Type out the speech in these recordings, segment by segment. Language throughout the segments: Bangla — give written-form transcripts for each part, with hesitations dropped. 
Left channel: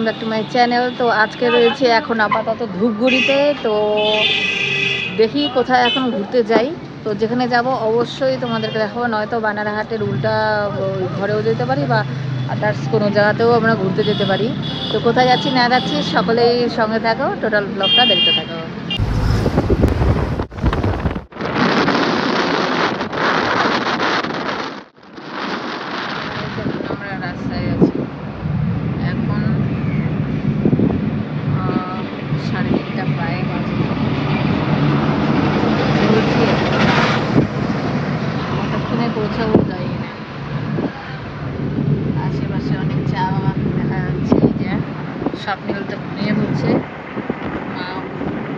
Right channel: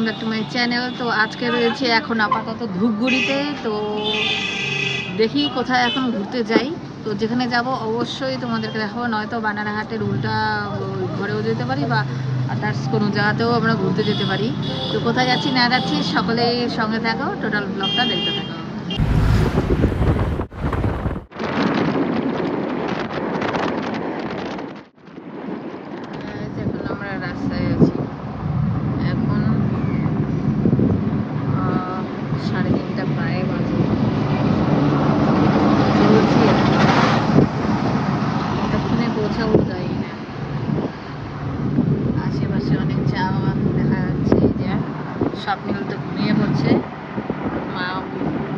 Welcome back to my channel. তো আজকে রয়েছে এখন আপাতত ধূপগুড়িতে। তো দেখি কোথায় এখন ঘুরতে যাই। তো যেখানে যাব অবশ্যই তোমাদেরকে দেখাবো, নয়তো বানারহাটের উল্টা ওই ঘরেও যেতে পারি বা আদার্স কোনো জায়গাতেও আমরা ঘুরতে যেতে পারি। তো কোথায় যাচ্ছি না যাচ্ছি সকলেই সঙ্গে থাকো, টোটাল ব্লগটা দেখতে থাকো। আমরা রাস্তায় আছি, এখন 3:30 প্রায় বাজে। এক্ষুনি পৌঁছাবো যাই না। আশেপাশে অনেক চা বাগান দেখা যাচ্ছে। যে স্বপ্নিল তো নিয়ে পড়ছি, মা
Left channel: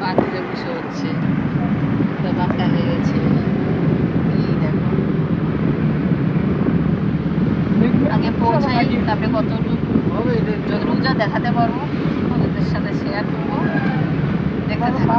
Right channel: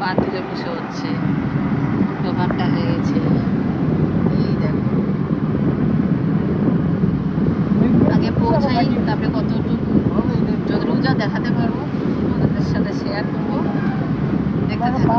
বাথরুমে বসে হচ্ছে, ব্যাপারটা হয়ে গেছে। এই দেখো, আগে পৌঁছাই, তারপরে যতটুকু যা দেখাতে পারবো আমাদের সাথে শেয়ার করবো, দেখতে থাকো।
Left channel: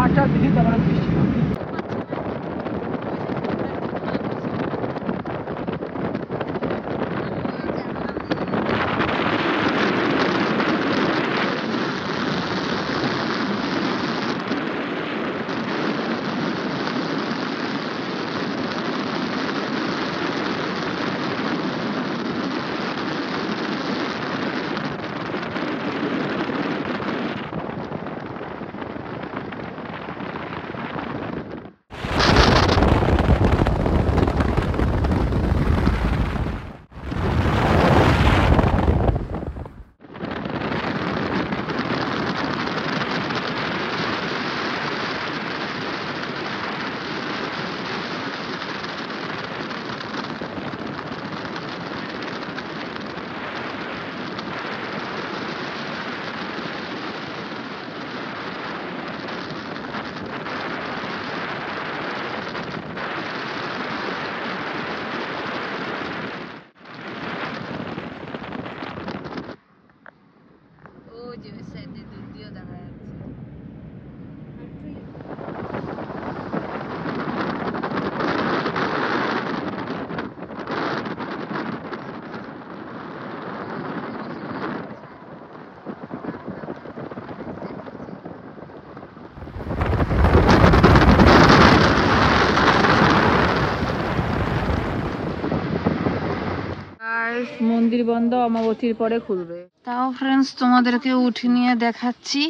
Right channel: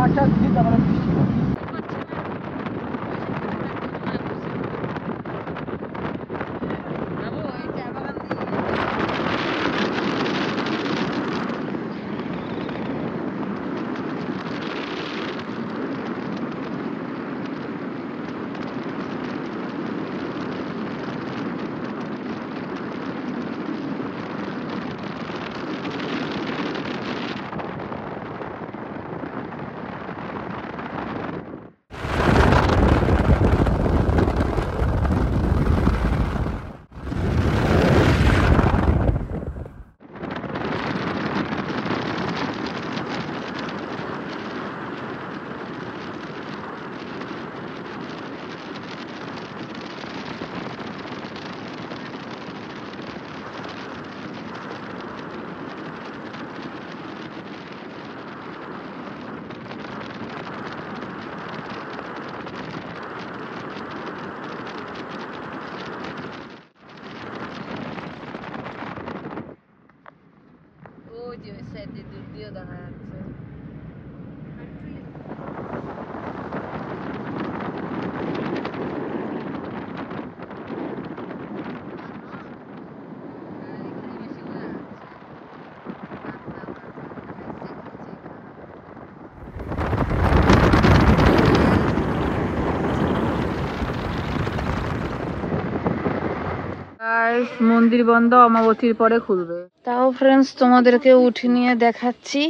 মন্দির বন্ধ, অমাবতীর পরে খুলবে। তাও ফ্রেন্ডস তোমাদেরকে উঠে নিয়ে দেখাচ্ছি।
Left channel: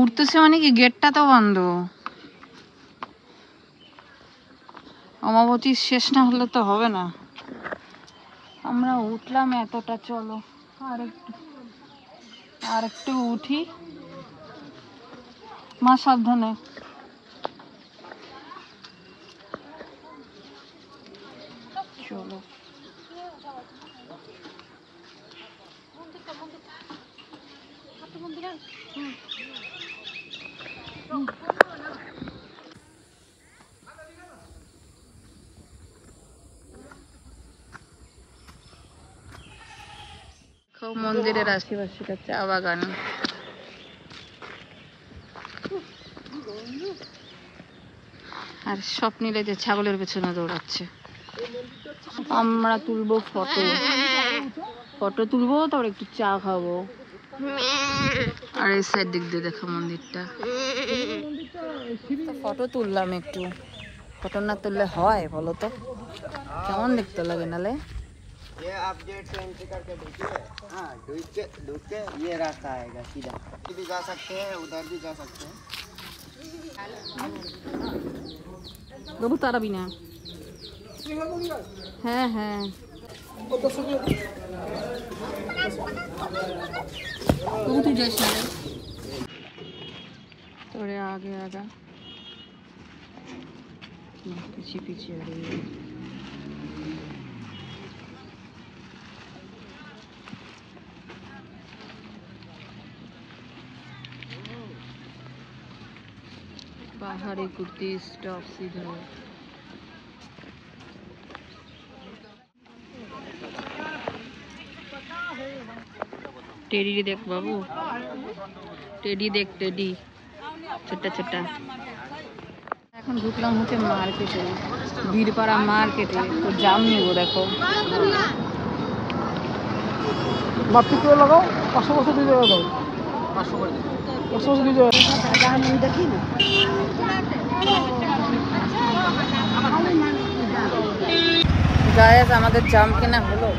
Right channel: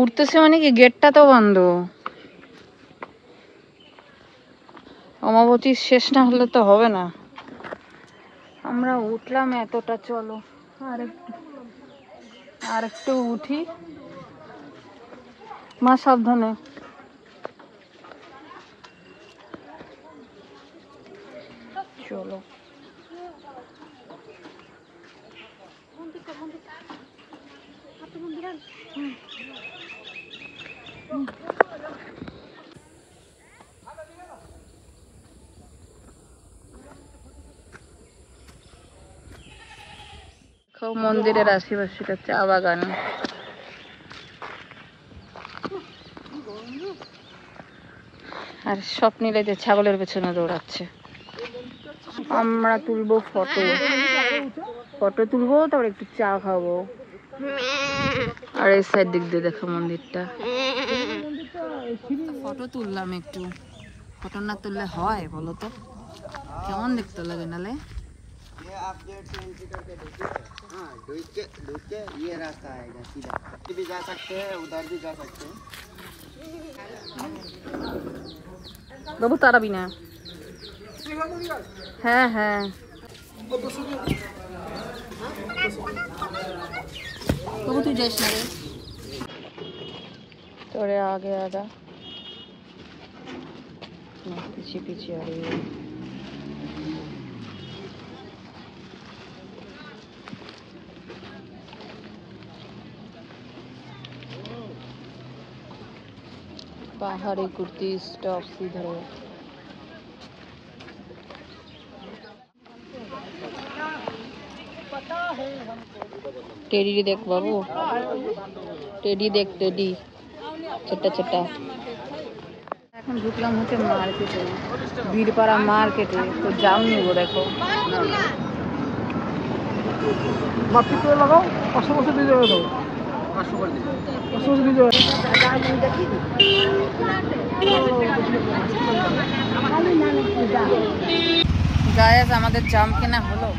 উঠতেছে মানে কি, গেটটা তো বন্ধ। অমাবতীর শেষ না হলে তো হবে না। আমরা উঠলাম এতটা, চলো আর একটু উঠি। মা সাবধানে। চলো মন্দিরের আশেপাশে চা বাগান। আর স্বপ্নিলে যে ছাগলের পেছনে দৌড়াচ্ছে। আমরা তুলবো ফটো তুলবো, তারপর একটু চা খাবো। আর এই সাইড দিক দিয়ে দেখো মন্দিরটা। ফটো তুললাম একটু, ফটো না তুললে হয় বলো তো, কেমন দেখতে লাগে নালে। ये आप जेट से एंट्री करके हाँ ढूंढ के ये रास्ता आएगा सीधा, भी जा सकते हैं उधर भी जा सकते हैं। বাবু তারাবি না। হ্যাঁ হ্যাঁ, বাবু তুই যাস না, তোরে আগে আগে পিছিয়ে পিছিয়ে। पहाड़ी कुर्ती स्टॉप सीधर है। टेडी देख बाबू, टेडी देख, टेडी छोटा छोटा। এখন ঢুকলাম হচ্ছে মার্কেটে, বীরপাড়া মার্কেটে। তো জাম নিবো, দেখো মাটি করে লাগাও, 500 বছর দিয়ে দেবো। গায়েস আমাদের জাম কেনা হলো,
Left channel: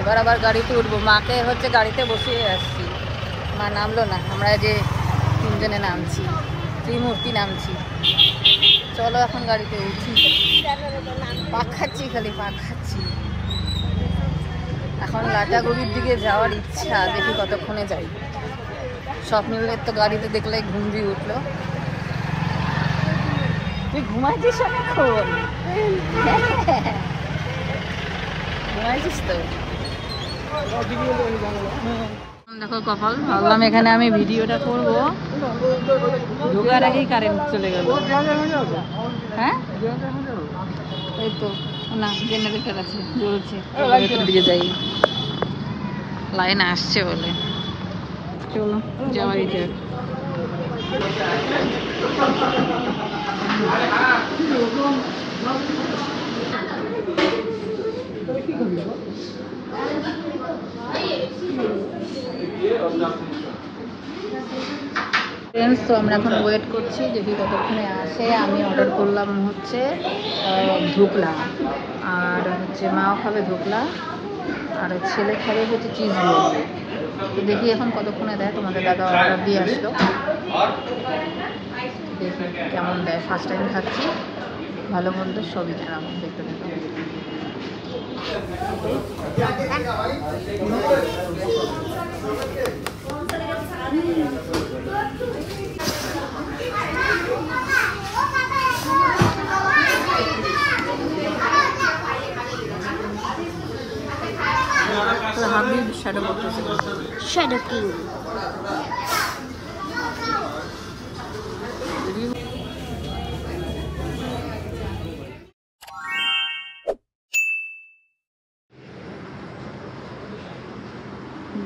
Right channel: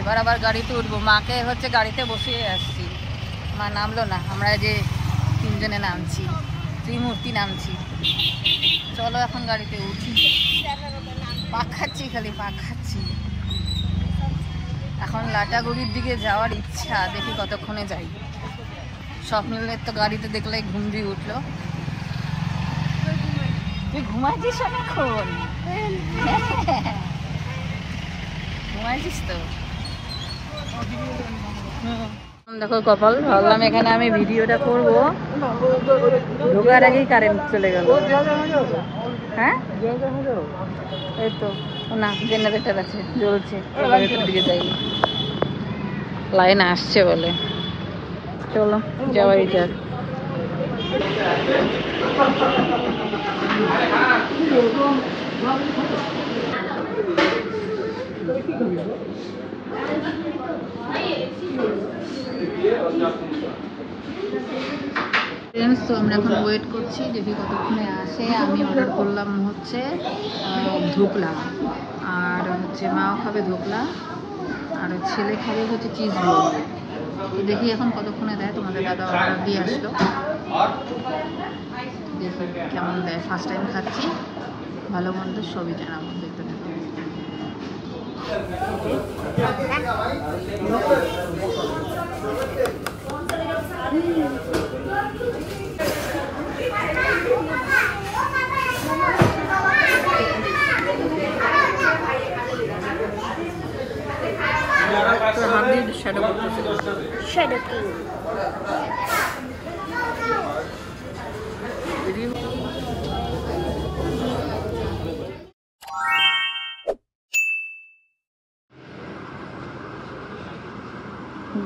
এবার আবার গাড়িতে উঠবো। মাকে হচ্ছে গাড়িতে বসিয়ে আসছি, মা নামলো না, আমরা যে তিনজনে নামছি, ত্রিমূর্তি নামছি। চলো এখন গাড়িতে উঠি। পাক খাচ্ছি, খালি পাক খাচ্ছি। এখন লাটাগুড়ির দিকে যাওয়ার ইচ্ছা, দেখি কতক্ষণে যাই। স্বপ্নিলের তো গাড়িতে দেখলে ঘুম দিয়ে উঠলো। তুই ঘুমাইছিস অনেকক্ষণ? ঘুমাইছিস তো? দেখো কপাল, ভাবলাম এখানে আমি ভিডিওটা করব, ঢোকার আগেই কারেন্ট চলে গেল। হ্যাঁ এই তো না, জেনারেটর আছে, জ্বলছে, ভেতর দিকে যাই, লাইন আসছে বলে। চলো যাওয়াই যাক। ফ্রেন্ডস, তো আমরা এখন ওয়েট করছি, দেখি কতক্ষণে আসে। আমি অর্ডার করলাম হচ্ছে ধোকলা, আর হচ্ছে মাও খাবে ধোকলা, আর ছেলে খাবে হচ্ছে চিজ রোল। তো দেখি এখন কতক্ষণে দেয়। তোমাদের দাদা অর্ডার দিয়ে আসলো, দেখি কেমন দেয়। ফার্স্ট টাইম খাচ্ছি, ভালো মন্দ সবই জানাবো, দেখতে দেখো। Shadow King.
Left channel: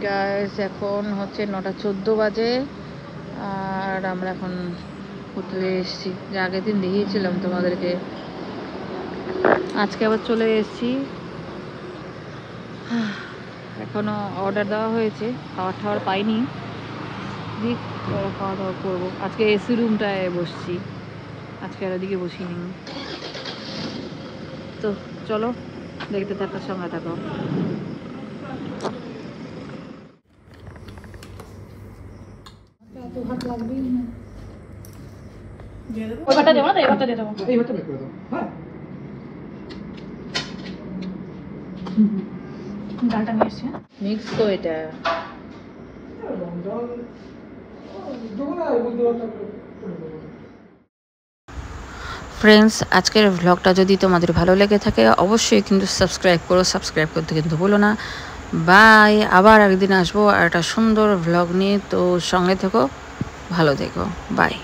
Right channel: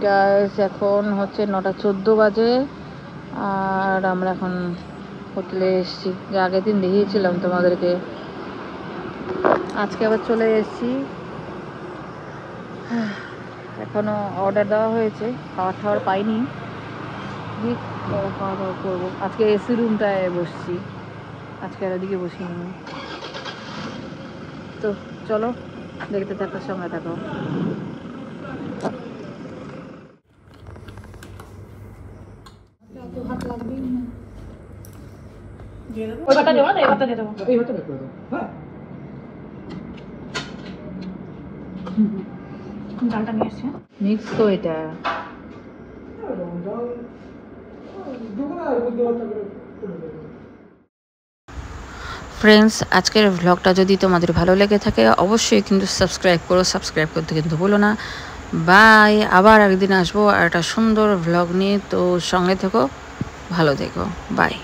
গাইস এখন হচ্ছে 9:14 বাজে, আর আমরা এখন হোটেলে এসেছি। যে আগের দিন দেখিয়েছিলাম তোমাদেরকে, আজকে আবার চলে এসেছি। এখনো অর্ডার দেওয়া হয়েছে, খাবার টাবার পাইনি, দিক খাওয়া দাওয়া করবো। আজকে এসি রুমটায় বসছি, আজকে আর ওদিকে বসিনি। তো চলো দেখতে থাকো, সঙ্গে থাকো। ডালটা নিয়ে এসছে মিক্স তো এটা। ফ্রেন্ডস, আজকের ভ্লগটা যদি তোমাদের ভালো লেগে থাকে অবশ্যই কিন্তু সাবস্ক্রাইব করো, সাবস্ক্রাইব করতে কিন্তু ভুলো না। বাই, আবার একদিন আসবো আর একটা সুন্দর ভ্লগ নিয়ে, তো সঙ্গে থেকো, ভালো থেকো, বাই।